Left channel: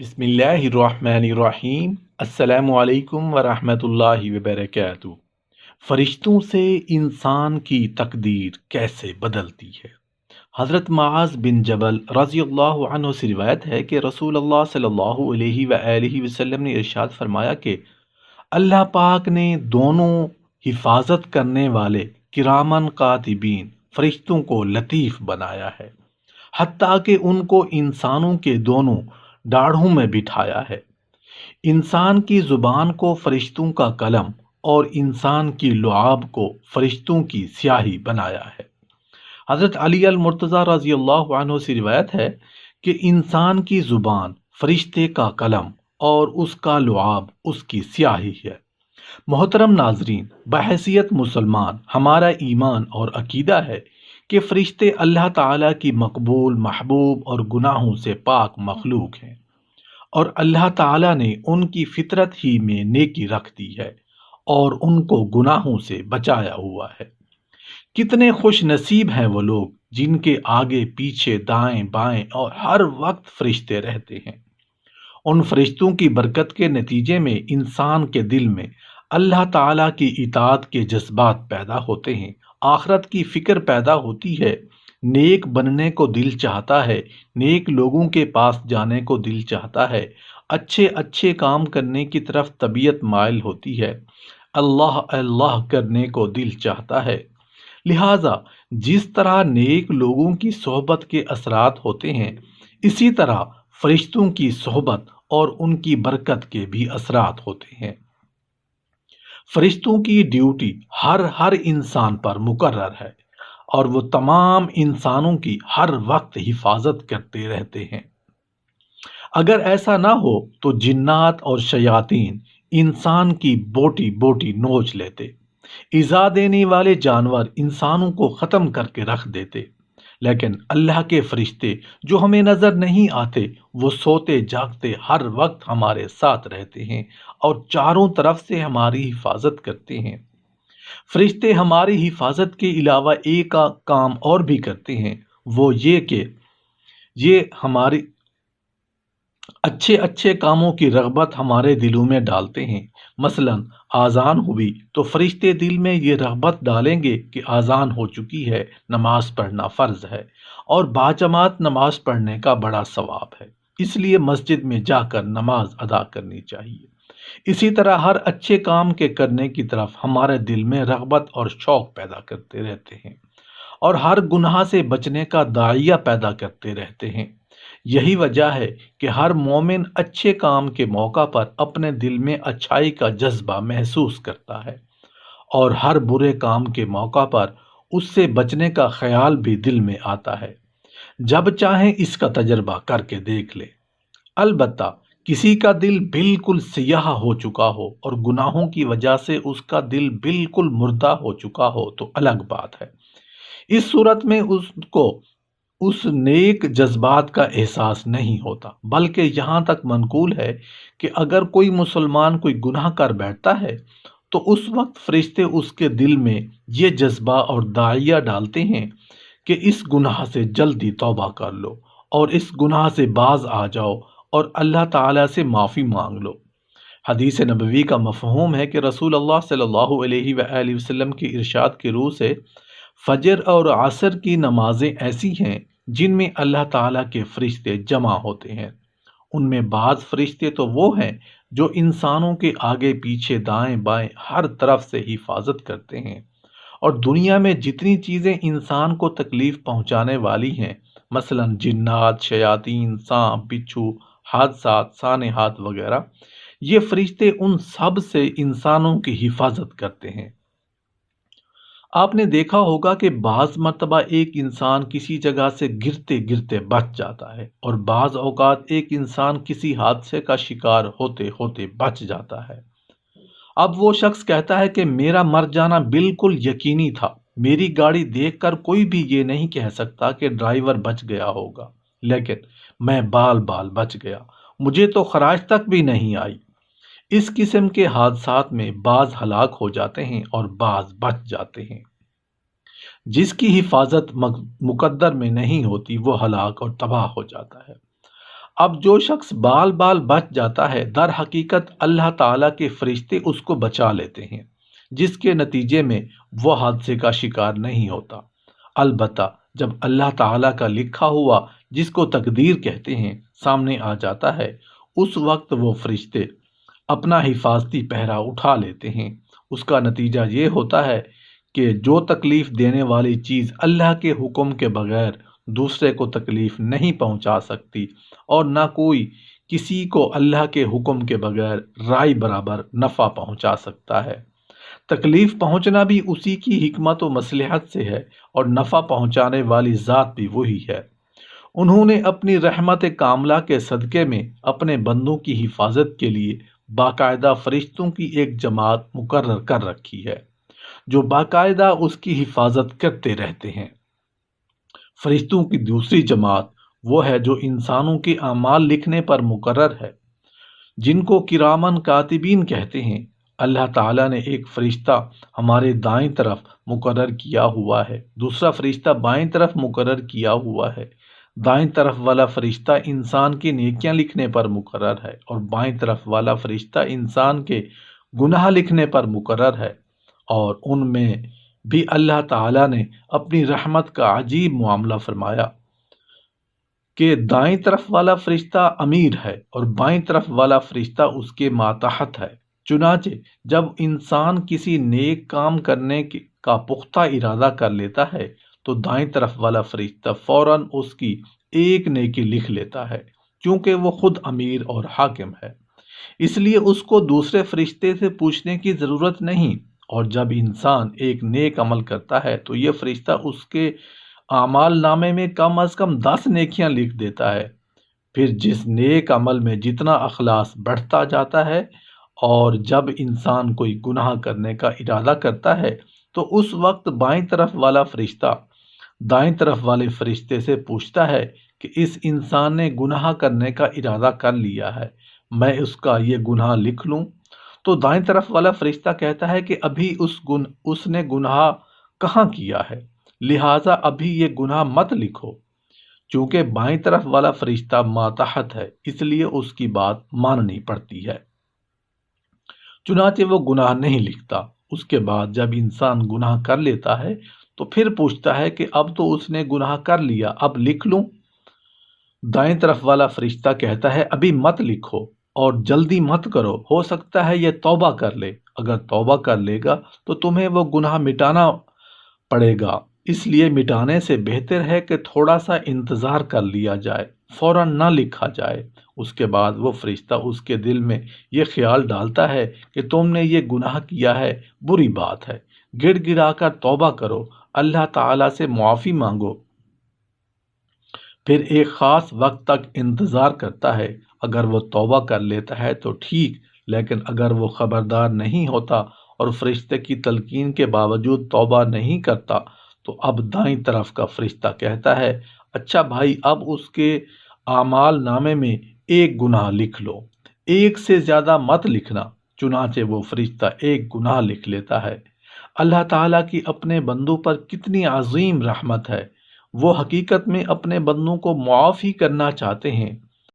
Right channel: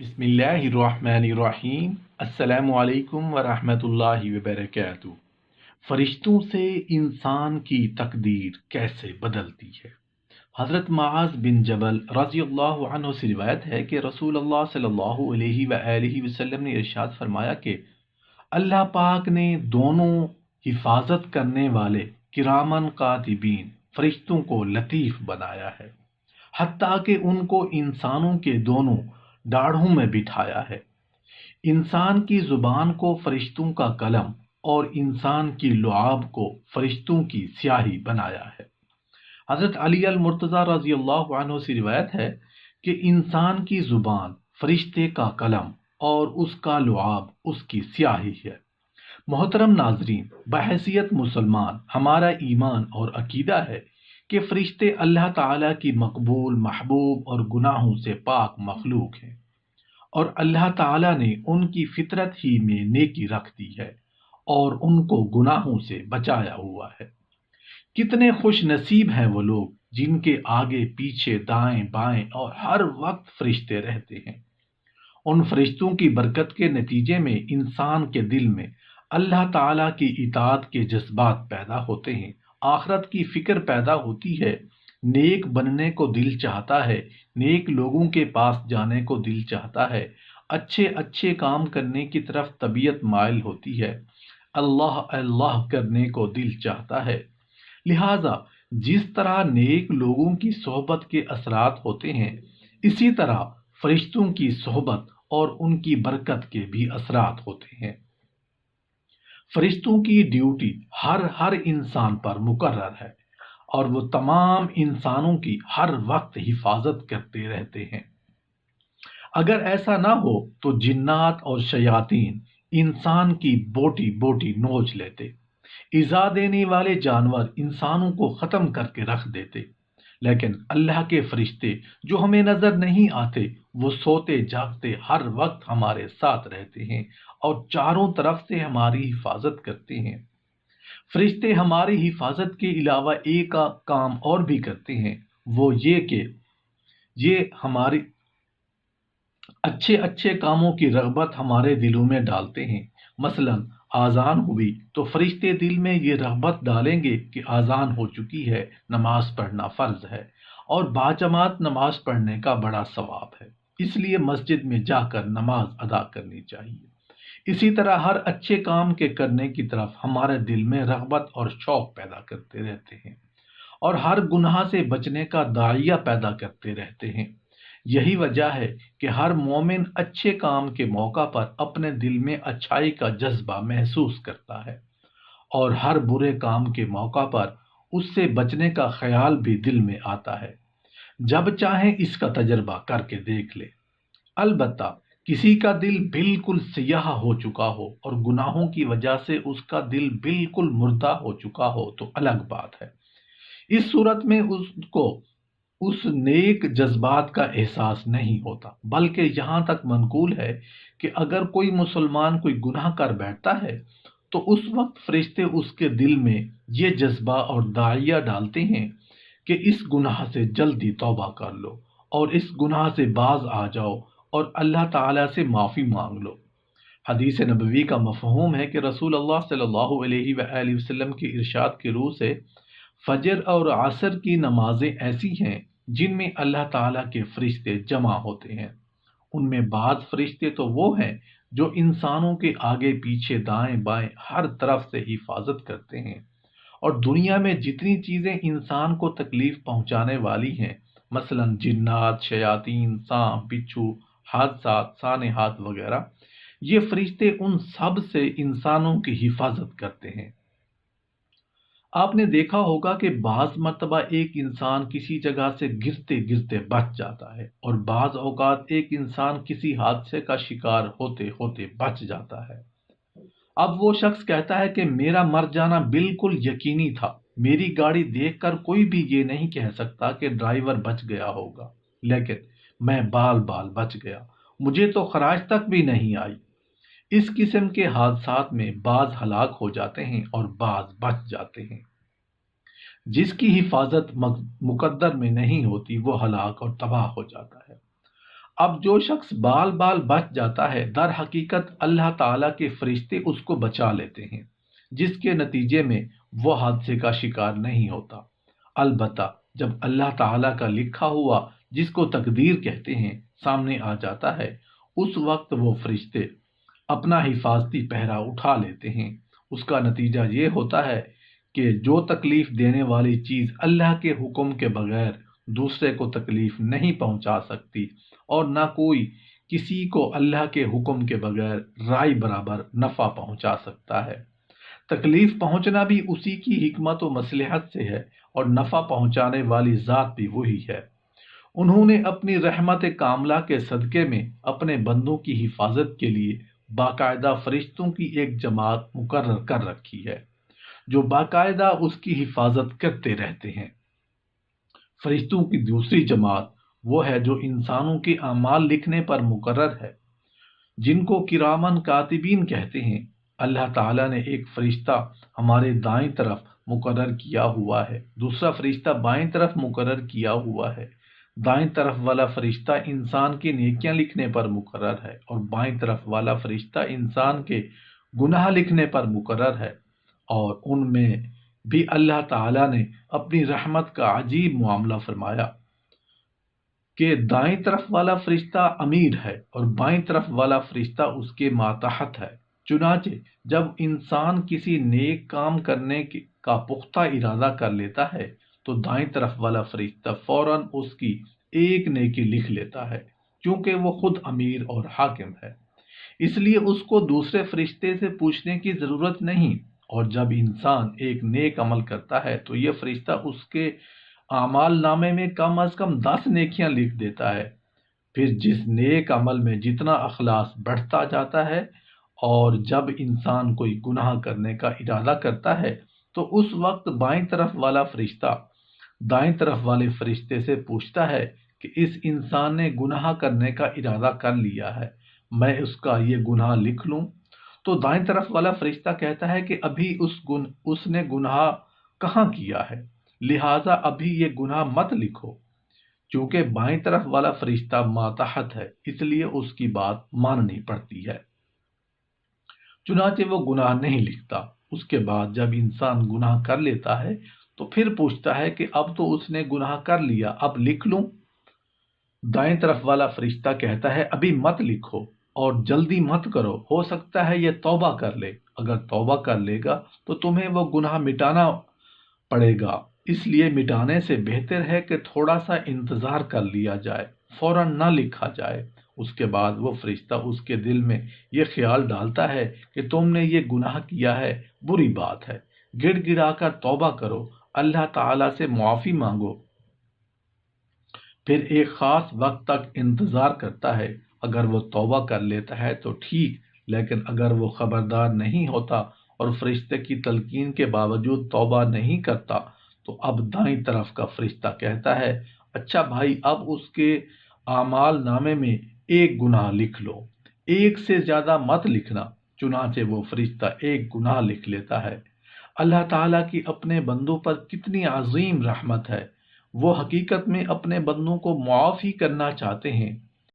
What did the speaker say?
بسم اللہ الرحمن الرحیم۔ السلام علیکم ورحمۃ اللہ وبرکاتہ۔ فرشتوں سے انسان کی تقدیر کیسے بدلتی ہے؟ حضرت معاذ بن جبل رضی اللہ عنہ سے روایت ہے کہ رسول اللہ صلی اللہ علیہ وآلہ وسلم نے ارشاد فرمایا کہ اللہ پاک نے دونوں حفاظت کرنے والے کرامن کاتبین فرشتوں کو لطیف بنایا ہے، حتیٰ کہ ان کو انسانوں کے دونوں ڈاڑھوں میں بٹھایا ہے۔ انسان کی زبان کو فرشتوں کا قلم اور انسان کی لعاب کو فرشتوں کی سیاہی بنایا ہے۔ حضرت علی المرتضیٰ رضی اللہ عنہ سے روایت ہے کہ انسان کی زبان فرشتے کا قلم اور اس کا لعاب اس کی سیاہی ہے۔ محترم ناظرین، بحیثیت مسلمان ہمارا ایمان اور عقیدہ ہے کہ فرشتے اللہ تعالیٰ کی مقبول، محبوب اور گناہوں سے پاک مخلوق ہیں، اور اللہ تعالیٰ نے ان کی فطرت ہی میں نیکی رکھ دی ہے اور ان کو گناہوں سے بچایا ہوا ہے۔ کتنے خوش نصیب ہیں وہ لوگ جن کے آگے پیچھے دائیں بائیں اور ہر وقت فرشتے رہتے ہیں۔ ان فرشتوں کی برکت کے نتیجے میں انسان کے دل میں اللہ تعالیٰ کی اطاعت کے جذبات پیدا ہوتے ہیں، آخرت کی فکر پیدا ہوتی ہے، نیک بننے کو دل چاہتا ہے، نیک لوگوں کے پاس جانے کو دل چاہتا ہے، اچھے اچھے کام کرنے کی طرف طبیعت مائل ہوتی ہے، اللہ اللہ کرنے کو دل چاہتا ہے۔ لہٰذا جس طرح نیک لوگوں کی صحبت کے اثرات ہوتے ہیں، اسی طرح فرشتوں کی صحبت اور ان کی برکت کے بھی اثرات ہوتے ہیں۔ فرشتوں کی ڈیوٹی ہر انسان پر مقرر ہے، اور وہ تمام انسانوں کی ہر وقت حفاظت کرتے رہتے ہیں۔ اگر ایسا نہ ہو تو جنات اور شیاطین انسان کی بوٹی بوٹی نوچ لیتے، ایذا دینے والے جانور انسانوں کو ختم کر کے رکھ دیتے، لیکن اللہ کے فرشتے جو ہمیں نظر نہیں آتے، وہ سوتے جاگتے ہر وقت ہمارے ساتھ رہتے ہیں اور چاروں طرف سے ہماری حفاظت کرتے ہیں۔ فرشتے ہماری حفاظت کے علاوہ ایک کام اور بھی کرتے ہیں، وہ یہ کہ یہ ہماری اچھے اچھے کاموں کی رغبت ہمارے دلوں میں ڈالتے ہیں۔ مثلا آذان ہوئی تو فرشتے دل میں یہ رغبت ڈالیں گے کہ آذان ہو چکی ہے، نماز پڑھنا فرض ہے، اور باجماعت نماز پڑھنے کا بڑا ثواب ہے، اس لیے مسجد میں جا کر نماز ادا کرنی چاہیے۔ اسی طرح ہر اچھے کام کے کرنے کی طرف ہمارے دل میں رغبت اور شوق پیدا کرتے رہتے ہیں، اور ہر گناہ سے بچنے کا داعیہ پیدا کرتے رہتے ہیں۔ یہی وجہ ہے کہ ہر مومن اچھے کام کے موقع پر اپنے دل میں اچھائی کا جذبہ محسوس کرتا ہے، اور ہر برے کام کے موقع پر اس سے بچنے کا خیال بھی دل میں آتا ہے۔ جب چاہیں اس کا تجربہ کر کے دیکھ لیں۔ البتہ کسی کا دل بالکل سیاہ ہو چکا ہو اور گناہوں کی وجہ سے اس کا دل بالکل مردہ ہو چکا ہو تو الگ بات ہے۔ اس صورت میں اس کو اس نیک جذبات کا احساس نہیں ہوتا، بلکہ یہاں تک منقول ہے کہ اگر کوئی مسلمان کوئی گناہ کر بیٹھتا ہے تو اس وقت فرشتے اس کے دل میں یہ جذبہ اور داعیہ ڈالتے ہیں کہ اس گناہ سے جلدی توبہ کر لو اور اس گناہ سے باز آ جاؤ اور اللہ تعالیٰ سے معافی مانگ لو۔ حدیث نبوی کا مفہوم ہے کہ رسول اللہ صلی اللہ علیہ وآلہ وسلم کی ارشاد کی روح سے فجر اور عصر کی نمازیں ایسی ہیں جن میں اللہ تعالیٰ کے فرشتے جمع ہوتے ہیں۔ ان میں بعض فرشتے تو وہ ہیں جو انسانوں کے آگے پیچھے دائیں بائیں ہر طرف سے حفاظت کرتے ہیں، اور دنیا میں جتنی چیزیں انسان کو تکلیف پہنچانے والی ہیں، مثلا جنات، شیاطین، سانپ، بچھو، حادثات، سانحات وغیرہ، یہ فرشتے ان سب سے انسانوں کی حفاظت کرتے ہیں۔ آپ نے دیکھا ہوگا کہ بعض مرتبہ ایک انسان کسی جگہ سے گرتے گرتے بچ جاتا ہے، اور بعض اوقات ایک انسان کسی حادثے کا شکار ہوتے ہوتے بچ جاتا ہے۔ اب وہ شخص کہتا ہے کہ میرا مر جانا بالکل یقینی تھا، میری گاڑی دیکھ کر کوئی بھی یہ نہیں کہہ سکتا کہ ڈرائیور بچ گیا ہوگا، لیکن میں بال بال بچ گیا، مجھے تو خراش تک بھی نہیں آئی۔ اس قسم کے حادثات میں بعض ہلاک ہو جاتے ہیں اور بعض بچ جاتے ہیں۔ جس کی حفاظت مقدر میں نہیں ہوتی وہ ہلاک اور تباہ ہو جاتا ہے۔ اب جو شخص بال بال بچ جاتا ہے، در حقیقت اللہ تعالیٰ کے فرشتے اس کو بچا لیتے ہیں، جس کے نتیجے میں وہ حادثے کا شکار نہیں ہوتا۔ البتہ جب اللہ تعالیٰ کا لکھا ہوا، جس کو تقدیر کہتے ہیں، سامنے آ جاتا ہے، اس وقت وہ فرشتے اپنا حفاظتی پہرا اٹھا لیتے ہیں۔ اس کا نتیجہ یہ ہوتا ہے کہ جو تکلیف دینے والی چیز اللہ کے حکم کے بغیر دوسرے کو تکلیف نہیں پہنچا سکتی، اور نہ کوئی کسی کو اللہ کے حکم کے بغیر رائے برابر نفع پہنچا سکتا ہے۔ تکلیف پہنچنا بھی اسی کی حکمت و مصلحت سے ہے، اور نفع پہنچانے والی ذات بھی وہی ہے۔ انہوں نے اپنی رحمت کاملہ کے صدقے میں اپنے بندوں کی حفاظت کے لیے باقاعدہ فرشتوں کی ایک جماعت مقرر کر رکھی ہے، جو باقاعدہ اس کی حفاظت کرتے رہتے ہیں۔ فرشتوں کی دوسری جماعت وہ ہے جو انسانوں کے اعمال لکھنے پر مقرر ہے، جن کو کرامن کاتبین کہتے ہیں۔ اللہ تعالیٰ نے ایک فرشتہ ہمارے دائیں طرف مقرر کیا ہوا ہے، دوسرا فرشتہ بائیں طرف مقرر کیا ہوا ہے۔ دائیں طرف والا فرشتہ انسان کی نیکیاں لکھنے پر مقرر ہے، اور بائیں طرف والا فرشتہ انسان کے گناہ لکھنے پر مقرر ہے۔ اور ان میں بھی اللہ تعالیٰ نے اپنی رحمت کا عجیب معاملہ فرمایا کہ دائیں طرف والا فرشتہ امیر ہے اور بائیں طرف والا فرشتہ اس کے ماتحت ہے۔ چنانچہ جب انسان کسی نیک کام کرنے کا پختہ ارادہ کر لیتا ہے تو دائیں طرف والا فرشتہ فوراً اس کی ایک نیکی لکھ لیتا ہے، کیونکہ وہ خود امیر اور حاکم ہے، اس لیے اس کو دوسرے فرشتے سے پوچھنے کی ضرورت نہیں۔ اور جب انسان ایک نیک عمل کرتا ہے تو یہ فرشتہ اس کے اعمال نامے میں کم از کم 10 نیکیاں لکھ دیتا ہے۔ پھر جس نیک عمل میں جتنا اخلاص بڑھتا جاتا ہے، اور جب انسان کوئی گناہ کرنے کا ارادہ کرتا ہے تو اس وقت بائیں طرف والا فرشتہ دائیں طرف والے فرشتے سے پوچھتا ہے کہ اس انسان نے گناہ کرنے کا ارادہ کر لیا ہے، میں اس کا یہ گناہ لکھ لوں؟ تو دائیں طرف والا فرشتہ کہتا ہے کہ ابھی اس نے گناہ کہاں کیا ہے، لہٰذا ابھی یہ گناہ مت لکھو۔ چونکہ بائیں طرف والا فرشتہ ماتحت ہے، اس لیے اس کی بات ماننی پڑتی ہے، چنانچہ وہ گناہ نہیں لکھتا۔ اس کے بعد جب انسان گناہ کر لیتا ہے تو پھر پوچھتا ہے کہ اب تو اس نے گناہ کر لیا، اب لکھ لوں؟ دائیں طرف والا فرشتہ کہتا ہے ابھی مت لکھو، اور جلدی مت کرو، ہو سکتا ہے یہ توبہ کر لے، اگر توبہ کر لے گا تو تمہیں وہ گناہ مٹانا پڑے گا، اس لیے مٹانے سے بہتر ہے کہ تھوڑا سا انتظار کر لیا جائے، فوراً نہ لکھا جائے۔ اس کے بعد وہ فرشتہ اس کے دل میں یہ خیال ڈالتا ہے کہ تم نے یہ گناہ کیا ہے، بری بات ہے، گڑ گڑا کر توبہ کرو، اللہ تعالیٰ سے معافی مانگو۔ پھر ایک خاص وقت تک انتظار کرتا ہے، اگر وہ توبہ کر لیتا ہے تو ٹھیک، لیکن اگر وہ خبردار نہیں ہوتا اور فرشتے کی تلقین کے باوجود توبہ نہیں کرتا تو اب دائیں طرف کا فرشتہ کہتا ہے اچھا بھائی، اب اس کے اعمال نامے میں ایک گناہ لکھ لو، ایک سے زیادہ مت لکھنا۔ چنانچہ وہ فرشتہ ایک گناہ لکھ لیتا ہے۔ اللہ تعالیٰ کی اپنے بندوں پر کتنی عظیم رحمت ہے، وہ حقیقت میں اپنے بندوں کو معاف ہی کرنا چاہتے ہیں،